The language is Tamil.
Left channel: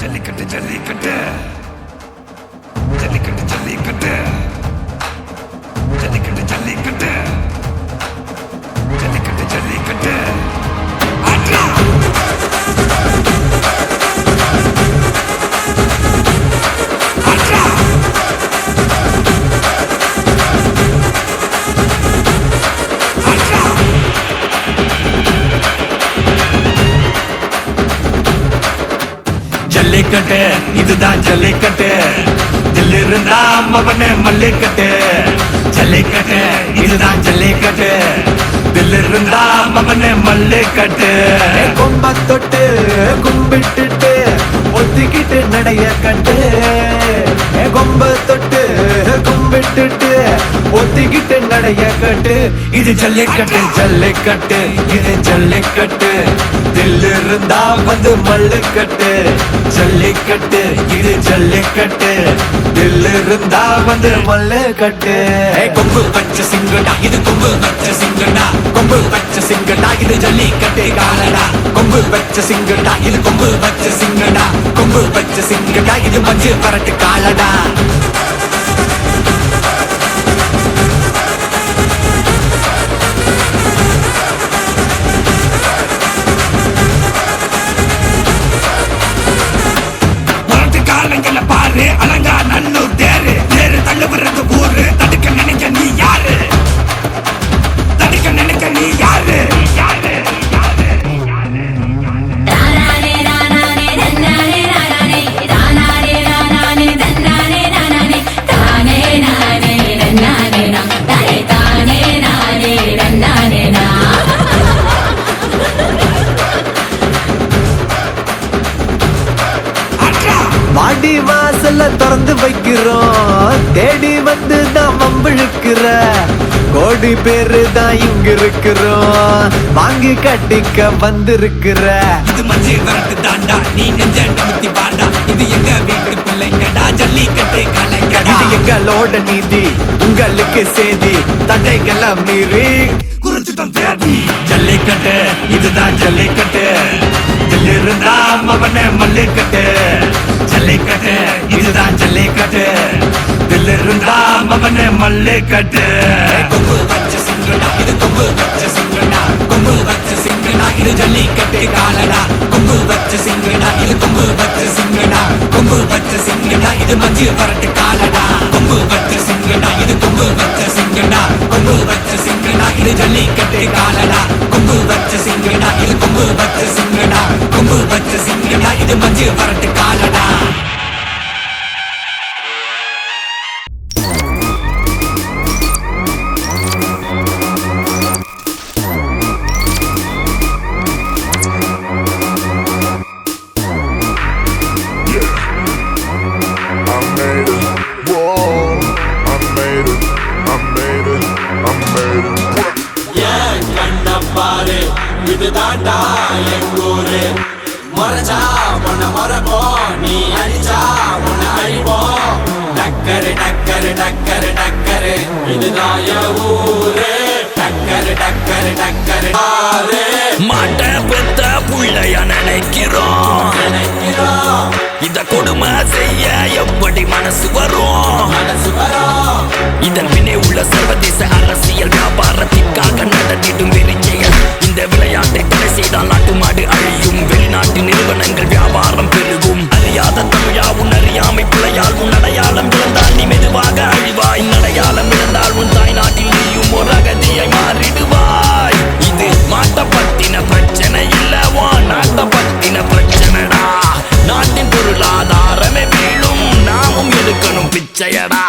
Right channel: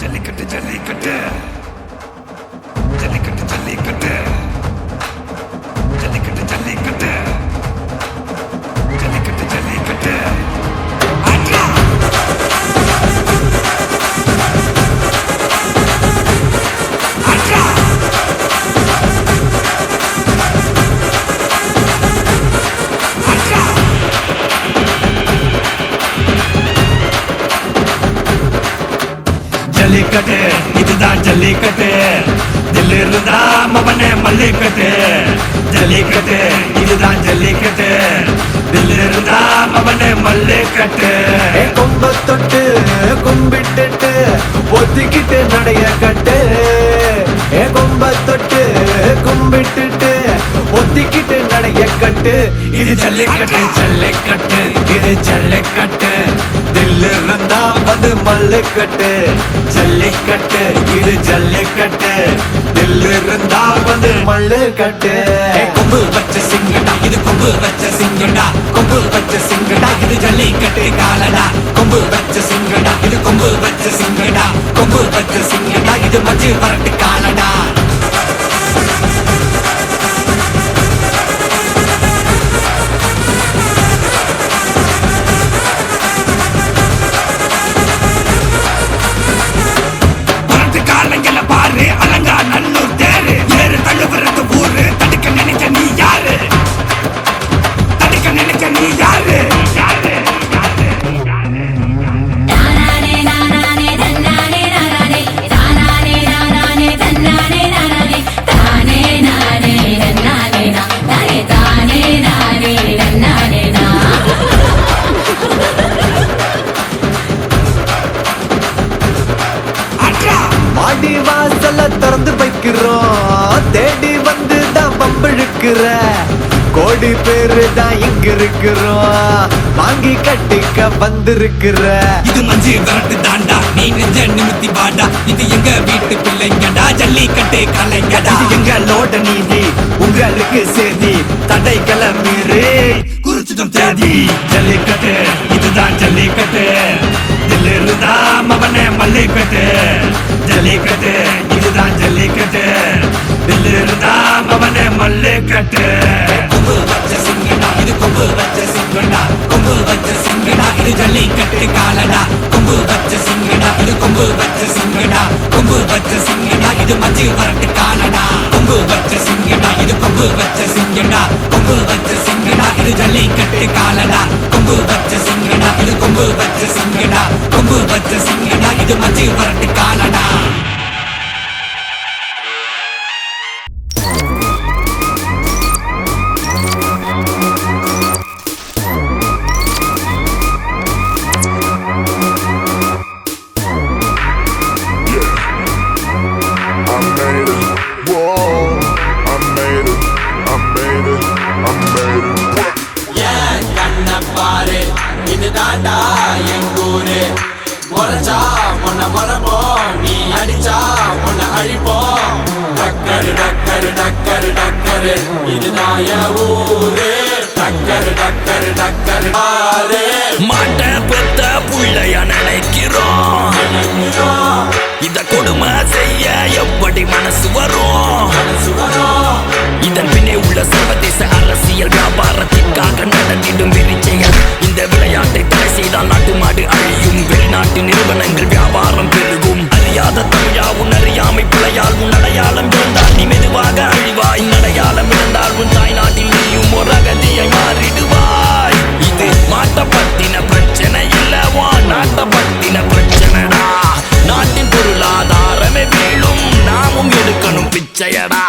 ஜல்லிக்கட்டு ஜல்லிக்கட்டு ஜல்லிக்கட்டு ஜல்லிக்கட்டு ஜல்லிக்கட்டு ஜல்லிக்கட்டு ஜல்லிக்கட்டு ஜல்லிக்கட்டு ஆட்ரா ஆட்ரா ஆட்ரா ஜல்லிக்கட்டு இதுதான் ஜல்லிக்கட்டு தில்லு இருந்தா மவனே மல்லிக்கட்டு ஜல்லிக்கட்டு இதுதான் ஜல்லிக்கட்டு தில்லு இருந்தா மவனே மல்லிக்கட்டு கொம்ப தொட்டு கும்பிட்டுட்டு ஒத்திக்கிட்டு நடைய கட்டு கொம்ப தொட்டு கும்பிட்டுட்டு ஒத்திக்கிட்டு நடைய கட்டு இது ஜல்லிக்கட்டு ஜல்லிக்கட்டு இது ஜல்லிக்கட்டு தில்லு இருந்தா வந்து மல்லுக்கட்டு ஜல்லிக்கட்டு இது ஜல்லிக்கட்டு தில்லு இருந்தா வந்து மல்லுக்கட்டு கொம்பு வச்ச சிங்கடா இது கொம்பு வச்ச சிங்கடா கொம்பு வச்ச சிங்கடா இது ஜல்லிக்கட்டு காலடா கொம்பு வச்ச சிங்கடா இது கொம்பு வச்ச சிங்கடா கொம்பு வச்ச சிங்கடா இது மஞ்சு வரட்டு காலடா காலங்கள பாரு அலங்கா நல்லூர் தேரு ஏறு தள்ளுவது ஊரு தடுக்க நினைக்க நீ யாரு தடுக்க நினைக்க நீ யாரு யாரு மாடி வாசல திறந்து வைக்கிறோம் தேடி வந்து தான் பம்பிழுக்கிற கோடி பேரு தான் இங்க இருக்கிறோம் வாங்கி கட்டிக்க வந்திருக்கிற இது மஞ்சு வரட்டு தாண்டா நீ நெஞ்ச நிமித்தி பாண்டா இது எங்க வீட்டு பிள்ளைங்கடா ஜல்லிக்கட்டு கலைங்கடா இது எங்களோட நீதி உங்களுக்கு செய்தி தடைகளை மீறி குறிச்சுதம் தேதி ஜல்லிக்கட்டு இதுதான் ஜல்லிக்கட்டு இதில் இருந்தா மவனே மல்லிக்கட்டு ஜல்லிக்கட்டு இதுதான் ஜல்லிக்கட்டு இதில் இருந்தா மவனே மல்லிக்கட்டு கொம்பு வச்ச சிங்கடா இது கொம்பு வச்ச சிங்கடா கொம்பு வச்ச சிங்கடா இது ஜல்லிக்கட்டு காலடா கொம்பு வச்ச சிங்கடா இது கொம்பு வச்ச சிங்கடா கொம்பு வச்ச சிங்கடா இது மஞ்சு வரட்டு காலடா கொம்பு வச்ச சிங்கடா இது கொம்பு வச்ச சிங்கடா கொம்பு வச்ச சிங்கடா இது ஜல்லிக்கட்டு காலடா கொம்பு வச்ச சிங்கடா இது கொம்பு வச்ச சிங்கடா கொம்பு வச்ச சிங்கடா இது மஞ்சு வரட்டு காலடா I made it, whoa, I made it, I made it, I made it. ஏன் கண்ண பாரு இது தாண்டா எங்கூரு முறைச்சா உன்னை மரபோம் நீ அடிச்சா உன்னை அழிப்போம் டக்கரு டக்கரு டக்கரு டக்கரு இதுதான் என் ஊரு டக்கரு டக்கரு டக்கரு பாரு மாட்ட பெத்த புள்ளைய நினைக்கிறோம் இத கொடுமை செய்ய எப்படி மனசு வரும் இதன் பின்னே உள்ள சர்வதேச அரசியல் வியாபாரத்திற்காக நடந்திடும் வெறிச்செயல் இந்த விளையாட்டை தடை செய்தால் நாட்டு மாடு அழியும் வெளிநாட்டு நிறுவனங்கள் வியாபாரம் பெருகும் அறியாத தமிழா உன் அறியாமை பிள்ளையால் உன் அடையாளம் இழந்தால் நீ மெதுவாக அழிவாய் அடையாளம் இழந்தால் உன் தாய் நாட்டில் நீயும் ஒரு அகதியை மாறிடுவாய் இது மாட்ட பத்தின பிரச்சனை இல்லவா நாட்ட பத்தின பிரச்சனைடா நாட்டின் பொருளாதாரமே வீழும் நாமும் எடுக்கணும் பிச்சையடா